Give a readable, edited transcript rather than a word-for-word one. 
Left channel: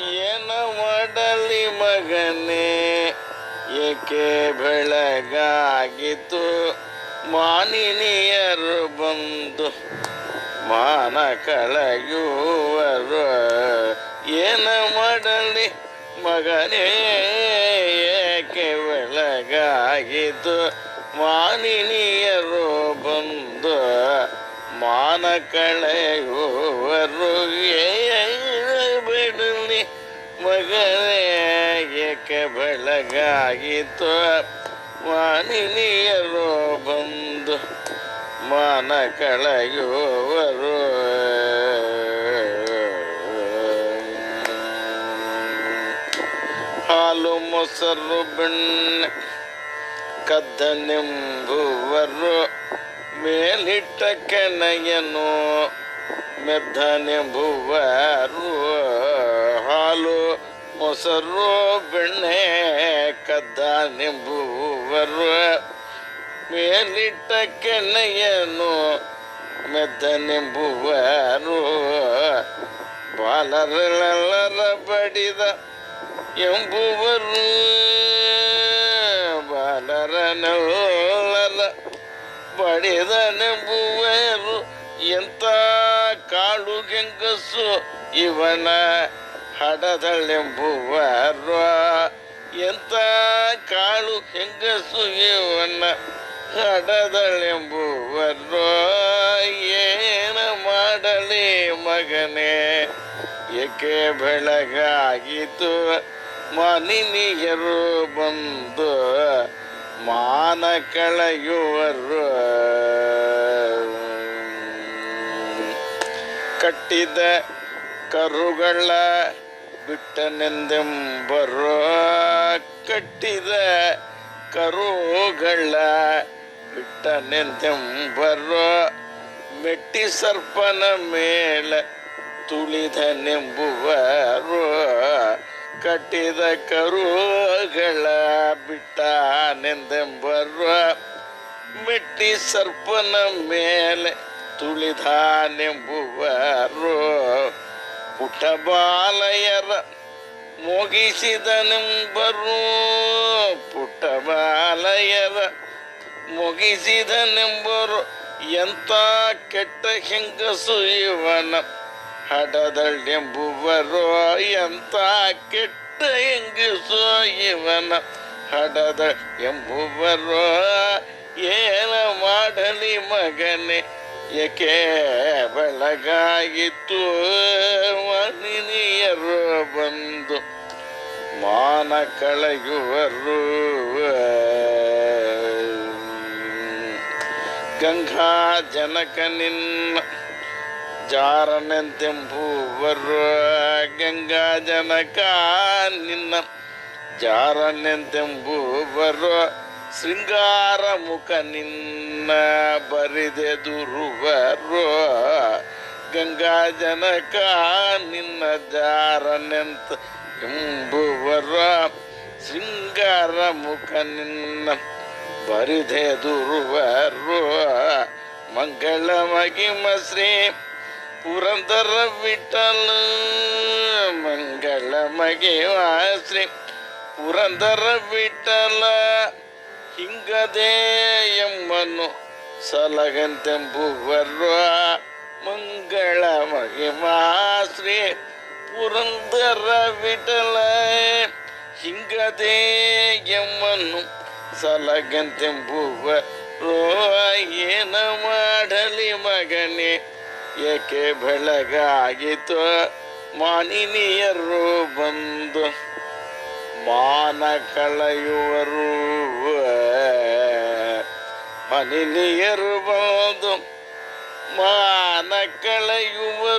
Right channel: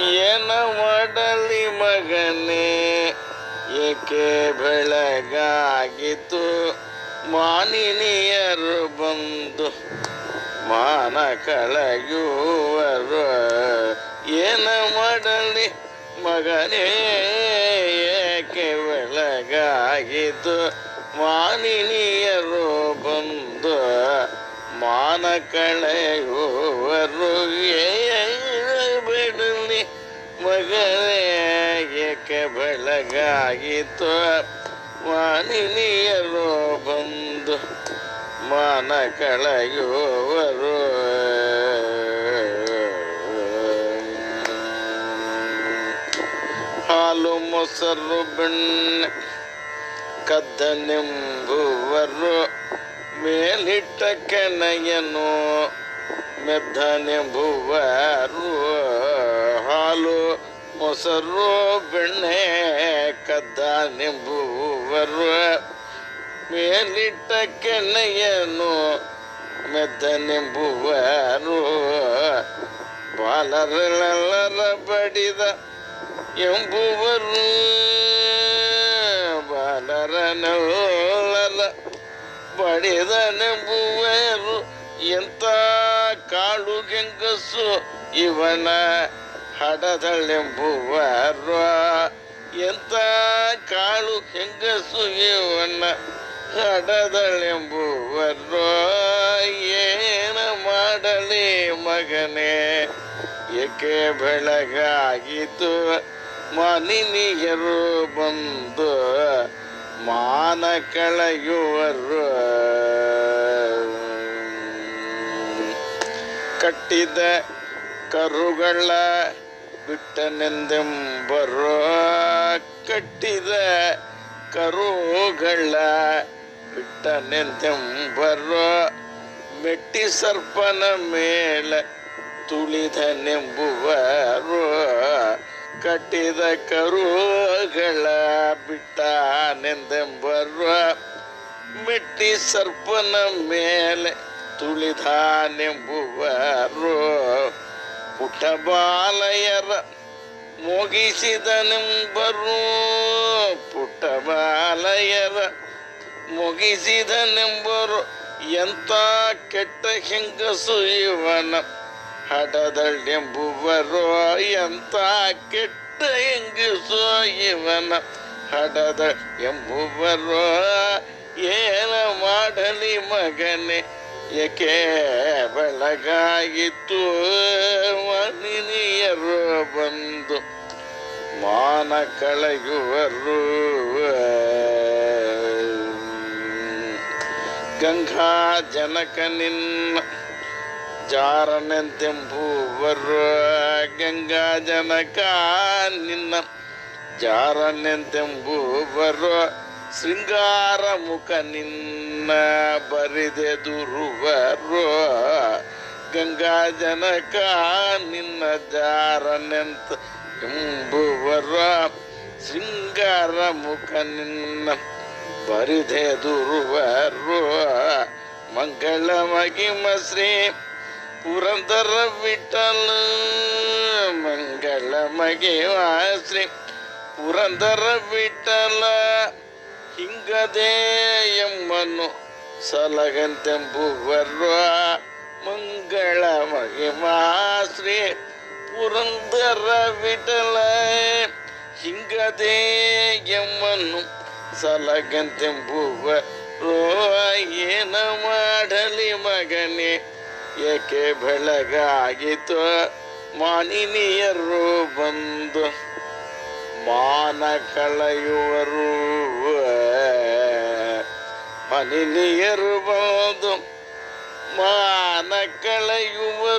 ಏನ ಮಾಡಲಿ ಮಗನೇ, ಏಕೆ ಬೆಳಗಾಗಿತು, ಮಾನಿನಿಯರು ಬಂದು ಮಾನ ಕಳೆಯುವರು. ಏನ ಮಾಡಲಿ ಮಗನೇ, ಏಕೆ ಬೆಳಗಾಗಿತು, ಮಾನಿನಿಯರು ಬಂದು ಮಾನ ಕಳೆಯುವರು. ಬಿಡಲಿ ಮಗನೇ, ಏಕೆ ಬೆಳಗಾಗಿತು, ಮಾನಿನಿಯರು ಬಂದು ಮಾನ ಕಳೆಯುವರು. ಹಾಲು ಮೊಸರು ಬೆಣ್ಣೆ ಕದ್ದನೆಂಬುವರು, ಮೇಲಿಟ್ಟ ಕೆನೆಯನ್ನು ಮೆದ್ದನೆಂಬುವರು. ಹಾಲು ಮೊಸರು ಬೆಣ್ಣೆ ಕದ್ದನೆಂಬುವರು, ಮೇಲಿಟ್ಟ ಕೆನೆಯನ್ನು ಮೆದ್ದನೆಂಬುವರು. ಬಾಲರೆಲ್ಲರ ಬಡಿದ ಎಂಬುವರು, ಬಾಲರನೆಲ್ಲರ ಬಡಿದನೆಂಬುವರು. ಎಂತ ಕಾಳು ಗೆಂಗಸು ಇವನ ಹಡದಳೆಂಬುವರು, ಎಂತ ಕಾಳು ಹೆಂಗಸು ಇವನ ಹಡದಳೆಂಬುವರು. ಏನ ಮಾಡಲಿ ಮಗನೇ, ಏಕೆ ಬೆಳಗಾಗಿತು, ಮಾನಿನಿಯರು ಬಂದು ಮಾನ ಕಳೆಯುವರು. ಕಟ್ಟಿದ ಕರುಗಳ ಬಿಟ್ಟನೆಂದೆಂಬರು, ಕಟ್ಟಿದ ಕರುಗಳ ಬಿಟ್ಟನೆಂದೆಂಬರು. ಮೆಟ್ಟಿ ಸರ್ಪನ ಮೇಲೆ ತುಳಿದನೆಂಬುವರು, ಕಟ್ಟಿದ ಕರುಗಳ ಬಿಟ್ಟನೆಂದೆಂಬರು. ಮೆಟ್ಟಿ ಸರ್ಪನ ಮೇಲೆ ತುಳಿದನೆಂಬುವರು. ಪುಟ್ಟ ಬಾಲಯರ ಮೊಗಿಸಿದನೆಂಬರು, ಪುಟ್ಟ ಬಾಲಯರ ಮೊಗಿಸಿದನೆಂಬರು. ಎಂತ ಕೆಟ್ಟ ಹೆಂಗಸು ಇವನ ಹಡದಳೆಂಬುವರು, ಎಂತ ಕೆಟ್ಟ ಹೆಂಗಸು ಇವನ ಹಡದ ಎಂಬುವರು. ಏನ ಮಾಡಲಿ ಮಗನೇ, ಏಕೆ ಬೆಳಗಾಗಿತ್ತು, ಮಾನಿನಿಯರು ಬಂದು ಮಾನ ಕಳೆಯುವರು. ಗಂಗಾ ಜನಕ ನಿನ್ನ ಜಾರನೆಂತೆಂಬುವರು, ಗಂಗಾ ಜನಕ ನಿನ್ನ ಜಾರನೆಂತೆಂಬುವರು. ಶೃಂಗಾರ ಮುಖ ನಿನ್ನ ಬರಿದೆದುರುವರು, ಗಂಗಾ ಜನಕ ನಿನ್ನ ಜಾರನೆಂತ ಎಂಬುವರು. ಶೃಂಗಾರ ಮುಖ ನಿನ್ನ ಬರಿದೆದುರುವರು. ಮಂಗಳ ಮಹಿಮ ಶ್ರೀ ಪುರಂದರ ವಿಠಲ, ಮಂಗಳ ಮಹಿಮ ಶ್ರೀ ಪುರಂದರ ವಿಠಲ. ಹಿಂಗದೆ ಎಮ್ಮನ್ನು ಸಲಗಂತೆಂಬುವರು, ಮಂಗಳ ಮಹಿಮಾ ಶ್ರೀ ಪುರಂದರ ವಿಠಲ. ಹಿಂಗದೆ ಎಮ್ಮನ್ನು ಸಲಗಂತೆಂಬುವರು. ಏನ ಮಾಡಲಿ ಮಗನೇ, ಏಕೆ ಬೆಳಗಾಗಿತು, ಮಾನಿನಿಯರು ಬಂದು ಮಾನ ಕಳೆಯುವರು. ಮಾನಿನಿಯರು ಬಂದು ಮಾನ ಕಳೆಯುವರು.